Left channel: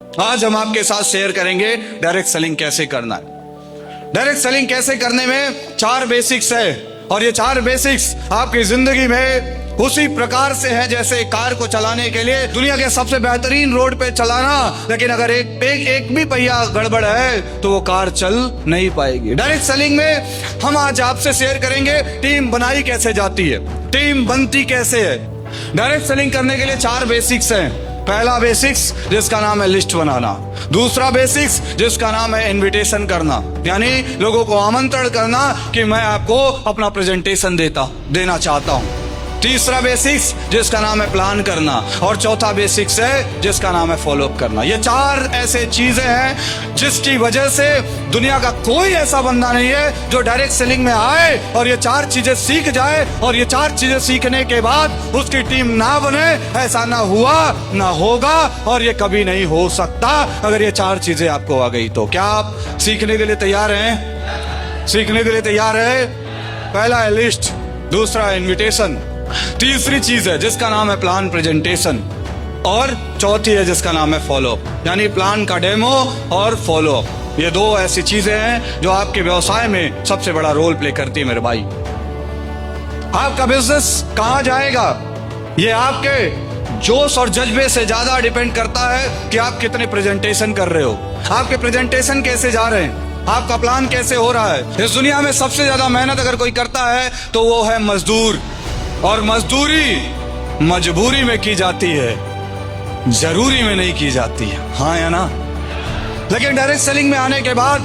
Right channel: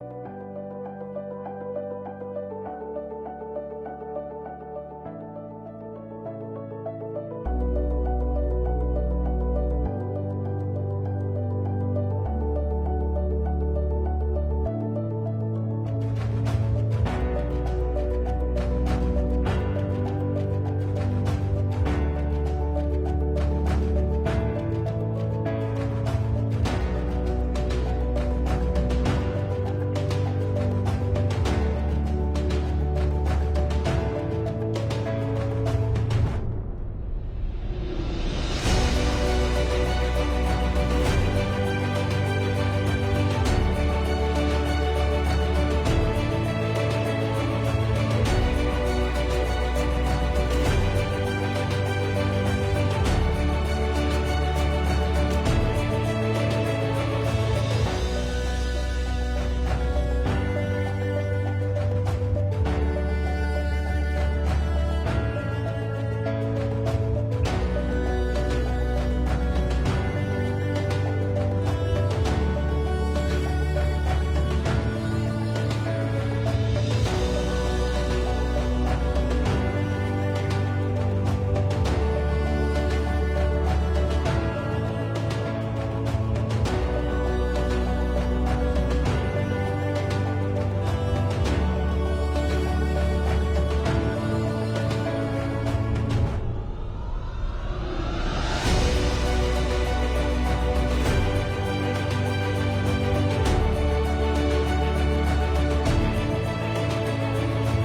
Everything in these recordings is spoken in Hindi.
आज हम आपके साथ शेयर करेंगे डायरेक्ट सेलिंग कैसे करना है। डायरेक्ट सेलिंग कैसे करने में 4 बेसिक्स है, और ये 4 बेसिक्स आपकी जिंदगी में उसी प्रकार से है जैसे कार को चलाने के लिए दुनिया के सबसे बेहतरीन रोड पे चलाना, लेकिन अगर एक भी पहिया गड़बड़ है तो वो कार चल नहीं पाएगी। डायरेक्ट सेलिंग में हम आज आपसे शेयर करेंगे टीम बनाई कैसे जाती है, टीम बनती कैसे है। डायरेक्ट सेलिंग करने के लिए 4 बेसिक्स हैं। पहला बेसिक्स जिसका नाम है लिस्ट बनाना, दूसरा बेसिक्स जिसका नाम है इनविटेशन करना, यानी लोगों को आमंत्रण करना कि मैं आपको अपना प्रेजेंटेशन देना चाहता हूं, तीसरा बेसिक्स जिसका नाम है प्लान करना, और चौथा बेसिक्स है जिसका नाम है फॉलोअप करना। ये 4 ऐसे चीजें हैं जिसकी वजह से दुनिया का कोई ऐसा बंदा नहीं है जो डायरेक्ट सेलिंग में आए और ये 4 चीजें सीख जाए, और ये 4 चीजें सीखने के बाद उसकी टीम ना बने। ऐसा ना हुआ, ना होगा, और ये कभी नहीं हो सकता अगर ये 4 चीजें आपको आ गई तो। क्या आप सीखने के लिए तैयार हैं? सीखने के लिए तैयार है? पहला है लिस्ट, दूसरा है इनविटेशन, तीसरी चीज है जिसका नाम है प्लान प्रेजेंटेशन, और चौथी है जिसका नाम है फॉलोअप, यानी प्लान का डेमो और फॉलोअप। ये 2 ऐसी चीजें हैं जो आपके व्यवसाय में सबसे बड़ा रोल प्ले करती है मेरे भाई। आपका बिजनेस कहां जाएगा ये आपके जोश और जज्बे से ज्यादा डिपेंड करता है कि आप कितने प्रेजेंटेशन कर रहे हो, आपके प्रेजेंटेशन कैसे जा रहे हैं, आपका प्लान कैसे हो रहा है। इस दुनिया में सबसे ज्यादा मेहनत अगर कोई करता है तो वो है मजदूर, और मजदूरी मजबूरी में की जाती है, जरूरी में नहीं की जाती है, हाँ या ना। लेकिन डायरेक्ट सेलिंग में आने के बाद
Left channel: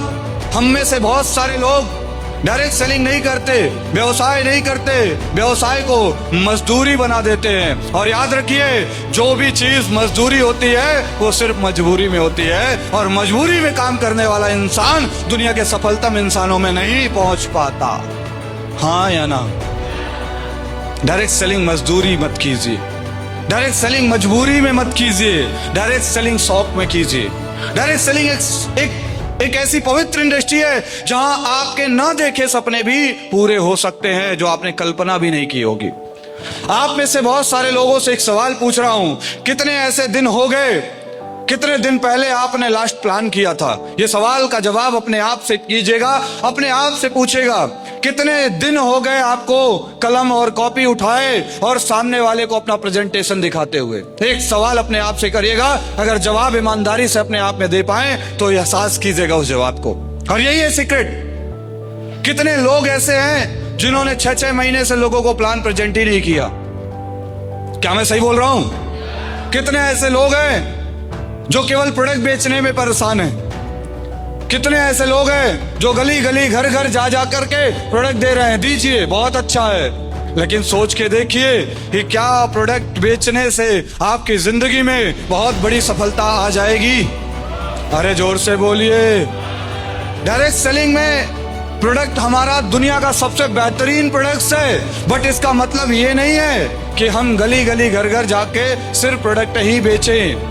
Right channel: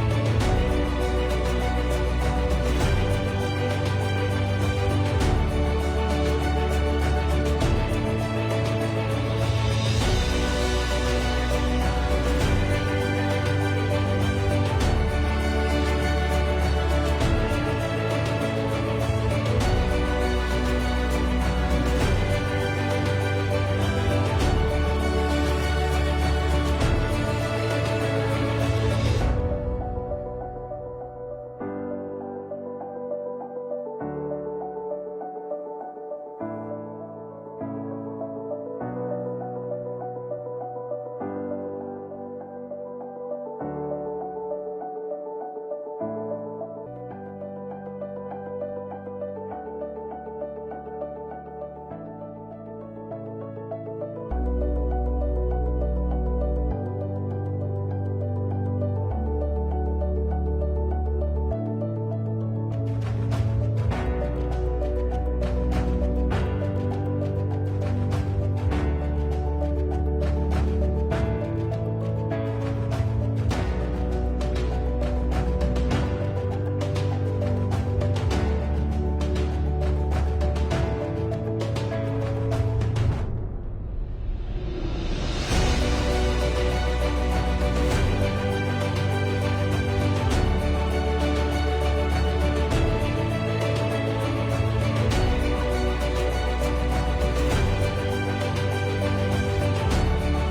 हम में से बहुत सारे लोग डायरेक्ट सेलिंग नहीं करते, व्यवसाय नहीं करते, व्यवसाय को मजदूरी बना देते हैं। और याद रखिए, जो भी चीज मजदूरी होती है वो सिर्फ मजबूरी में होती है, और मजबूरी में काम करने वाला इंसान दुनिया के सफलतम इंसानों में नहीं पहुंच पाता, हाँ या ना। डायरेक्ट सेलिंग मजदूरी मत कीजिए, डायरेक्ट सेलिंग मजबूरी में मत कीजिए, डायरेक्ट सेलिंग शौक में कीजिए। डायरेक्ट सेलिंग एक ऐसी पवित्र इंडस्ट्री है जहां आपके ना देखे सपने भी पूरे हो सकते हैं, जो आपने कल्पना भी नहीं की होगी। आप में से बहुत सारे लोगों से एक सवाल पूछ रहा हूं, कितने ऐसे दिन हो गए, कितने दिन पहले आपने लास्ट प्लान किया था? ये सवाल का जवाब अपने आप से कीजिएगा, अपने आप से पूछेगा, कितने दिन हो गए आपको कलम और कॉपी उठाए और सामने वाले को अपना प्रेजेंटेशन दिखाते हुए? एक सवाल अपने आप से करिएगा, अगर जवाब ईमानदारी से अपने आप में दे पाए तो एहसास कीजिएगा उस जवाब को। और यही है सीक्रेट। कितने लोग ऐसे हैं जिन्होंने 6-6 महीने से लोगों को प्लान प्रेजेंट ही नहीं किया? क्या मैं सही बोल रहा हूं? कितने ऐसे लोग हैं जो केवल प्रोडक्ट बेचने में परेशान हैं? कितने ऐसे लोग हैं जो गली गली घर घर जा जा करके प्रोडक्ट दे रहे हैं, दीजिए बहुत अच्छा है, लेकिन सोच के देखिए कि क्या प्रोडक्ट बेचने से आपकी जिंदगी में बहुत बड़ी सफलता आ जाएगी? अरे जोर से बोलिए। डायरेक्ट सेलिंग में प्रोडक्ट हमारा दुनिया का सबसे बेहतरीन प्रोडक्ट है, बट इसका मतलब ये नहीं है कि हम गली गली घर घर जाके सिर्फ प्रोडक्ट ही बेचें।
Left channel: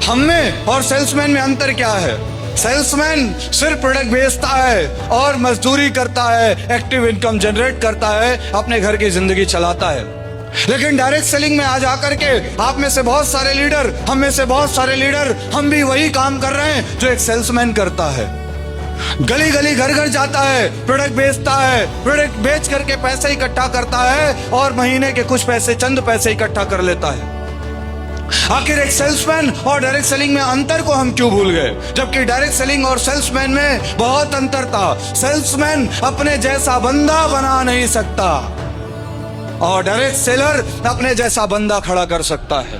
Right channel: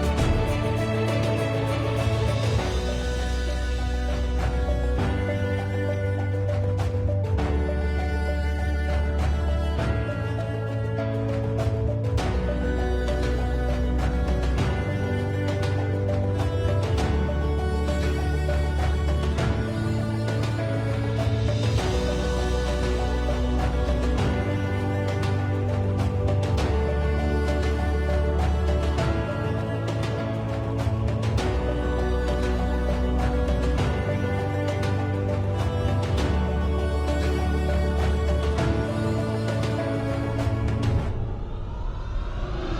हम में और सेल्समैन में अंतर क्या है? सेल्समैन सिर्फ प्रोडक्ट बेचता है और मजदूरी करता है, एक्टिव इनकम जनरेट करता है, अपने घर की जिंदगी चलाता है। लेकिन डायरेक्ट सेलिंग में आ जाकर के आप में से बहुत सारे लीडर, हम में से बहुत सारे लीडर, हम भी वही काम कर रहे हैं जो एक सेल्समैन करता है। गली गली घर घर जाता है, प्रोडक्ट बेचता है, प्रोडक्ट बेच करके पैसे इकट्ठा करता है और महीने के कुछ पैसे, चंद पैसे इकट्ठा कर लेता है। आखिर एक सेल्समैन और डायरेक्ट सेलिंग में अंतर को हम क्यों भूल गए, जबकि डायरेक्ट सेलिंग और सेल्समैन में बहुत अंतर था। सेल्समैन अपने जैसा बंदा बना नहीं सकता, और डायरेक्ट सेलर अपने जैसा बंदा खड़ा कर सकता है।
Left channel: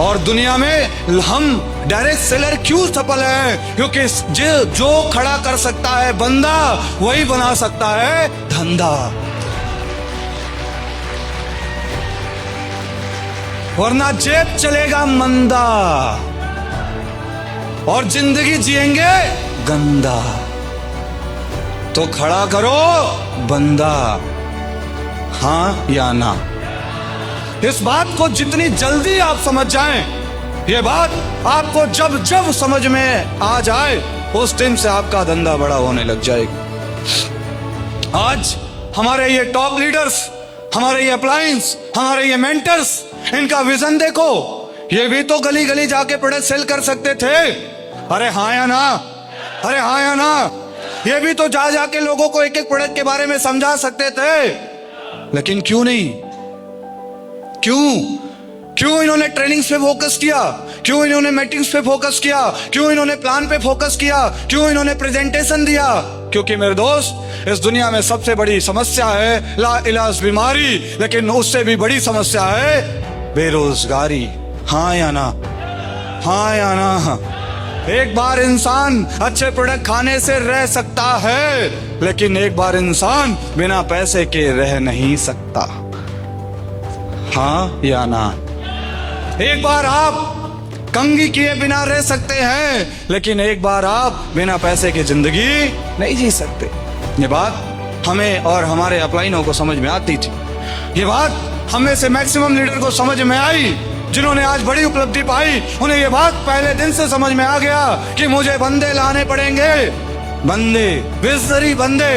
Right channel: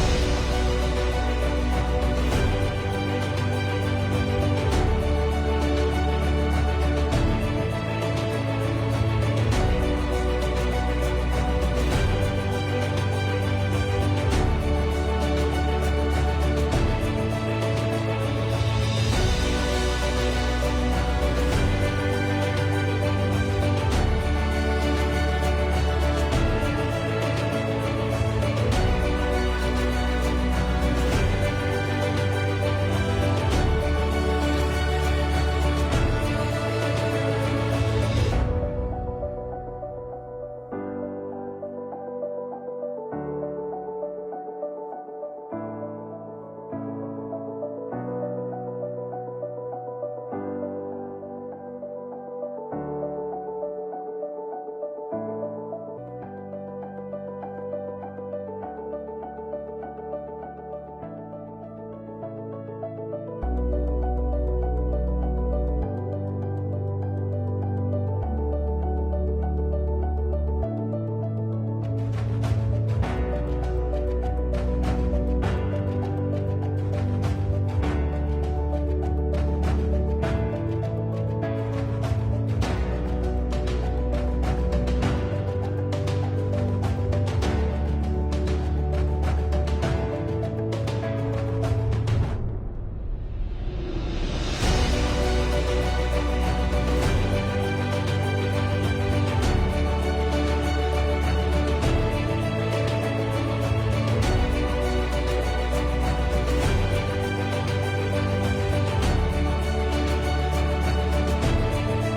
और दुनिया में हम डायरेक्ट सेलर क्यों सफल है? क्योंकि जो खड़ा कर सकता है बंदा, वही बना सकता है धंधा, वरना जेब चलेगा मंदा और जिंदगी जिएंगे गंदा। तो खड़ा करो बंदा, हाँ या ना। इस बात को जितनी जल्दी आप समझ जाएं, ये बात आपको जब जब समझ में आ जाए, उस दिन से आपका धंधा बड़ा होने लग जाएगा। आज हमारे ये टॉप लीडर्स, हमारे ये अप्लायंस, हमारे ये मेंटर्स, इनका विजन देखो। ये भी तो गली गली जाके प्रोडक्ट सेल कर सकते थे। अरे हाँ या ना, अरे हाँ या ना। ये भी तो जा जाके लोगों को एक एक प्रोडक्ट के बारे में समझा सकते थे, लेकिन क्यों नहीं? क्यों क्यों इन्होंने ट्रेनिंग्स पे फोकस किया? क्यों इन्होंने मीटिंग्स पे फोकस किया? क्यों इन्होंने प्लान पे फोकस किया? क्यों इन्होंने प्रेजेंटेशन दिया? क्योंकि मेरे दोस्त, इस दुनिया में सबसे बड़ी समस्या है ला इलाज बीमारी, लेकिन उससे भी बड़ी समस्या है बेरोजगारी। हाँ या ना, हाँ या ना। एक बार इंसान अच्छे प्रोडक्ट खाने से रह सकता है, लेकिन एक बार इंसान बिना पैसे के रह नहीं सकता। हाँ या ना? एक बार आप कंघी किए बिना रह सकते हैं, लेकिन एक बार आप बिना पैसे की जिंदगी नहीं जी सकते। ये बात हमें और हमारे अपलाइनों को समझ में आती थी। ये बात हमें से मैक्सिमम लीडर को समझ में आई, जिन्होंने आज बड़ी उपलब्धि पाई। उन्हें ये बात पहले दिन से समझ में आ गया कि मुझे बंदे लाने पड़ेंगे, बंदे, विजनरी बंदे,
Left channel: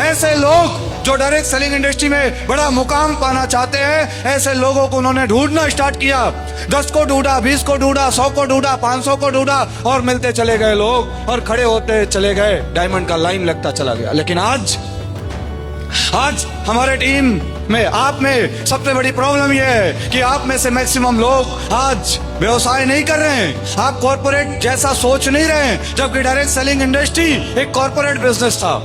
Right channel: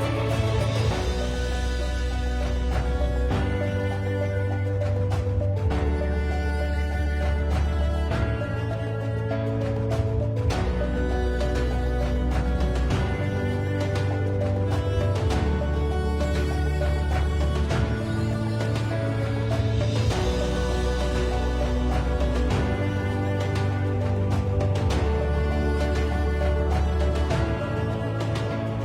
ऐसे लोग जो डायरेक्ट सेलिंग इंडस्ट्री में बड़ा मुकाम पाना चाहते हैं। ऐसे लोगों को उन्होंने ढूंढना स्टार्ट किया। 10 को ढूंढा, 20 को ढूंढा, 100 को ढूंढा, 500 को ढूंढा, और मिलते चले गए लोग और खड़े होते चले गए। डायमंड का लाइन लगता चला गया। लेकिन आज हमारे टीम में, आप में सबसे बड़ी प्रॉब्लम यह है कि आप में से मैक्सिमम लोग आज व्यवसाय नहीं कर रहे हैं। आप कॉर्पोरेट जैसा सोच नहीं रहे हैं, जबकि डायरेक्ट सेलिंग इंडस्ट्री एक कॉर्पोरेट बिजनेस था,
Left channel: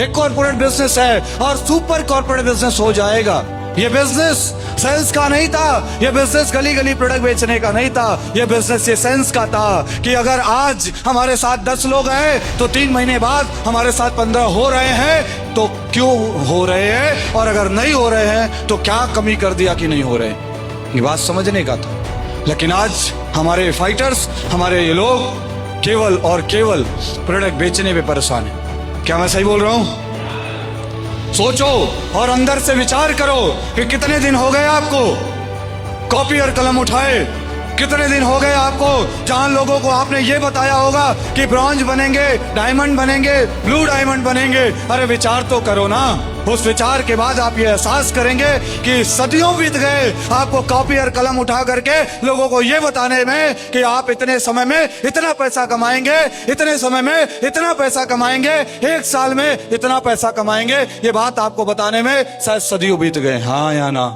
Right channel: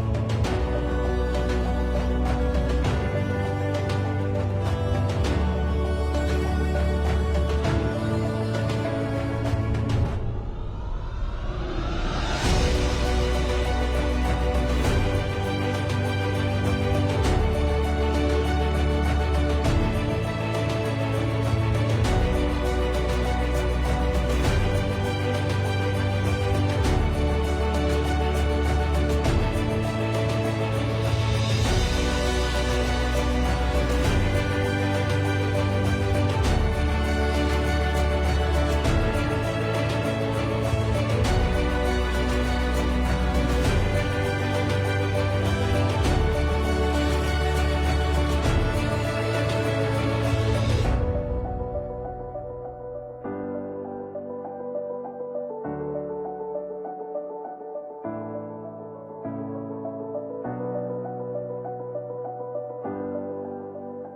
एक कॉर्पोरेट बिजनेस है और सुपर कॉर्पोरेट बिजनेस हो जाएगा। ये बिजनेस सेल्स का नहीं था, ये बिजनेस गली गली प्रोडक्ट बेचने का नहीं था, ये बिजनेस ये सेंस का था कि अगर आज हमारे साथ 10 लोग हैं तो 3 महीने बाद हमारे साथ 15 हो रहे हैं, तो क्यों हो रहे हैं, और अगर नहीं हो रहे हैं तो क्या कमी कर दिया कि नहीं हो रहे हैं। ये बात समझने का था। लेकिन आज हमारे फाइटर्स, हमारे ये लोग केवल और केवल प्रोडक्ट बेचने में परेशान है। क्या मैं सही बोल रहा हूं? सोचो और अंदर से विचार करो कि कितने दिन हो गए आपको कॉपी और कलम उठाए, कितने दिन हो गए आपको जहां लोगों को आपने ये बताया होगा कि ब्रॉन्ज बनेंगे, डायमंड बनेंगे, ब्लू डायमंड बनेंगे। अरे विचार तो करो ना। उस विचार के बाद आप ये एहसास करेंगे कि सदियों बीत गए आपको कॉपी और कलम उठा करके लोगों को ये बताने में कि आप इतने समय में इतना पैसा कमाएंगे, इतने समय में इतना पैसा कमाएंगे, 1 साल में इतना पैसा कमाएंगे। ये बात आपको बताने में शायद सदियों बीत गए। हाँ या ना?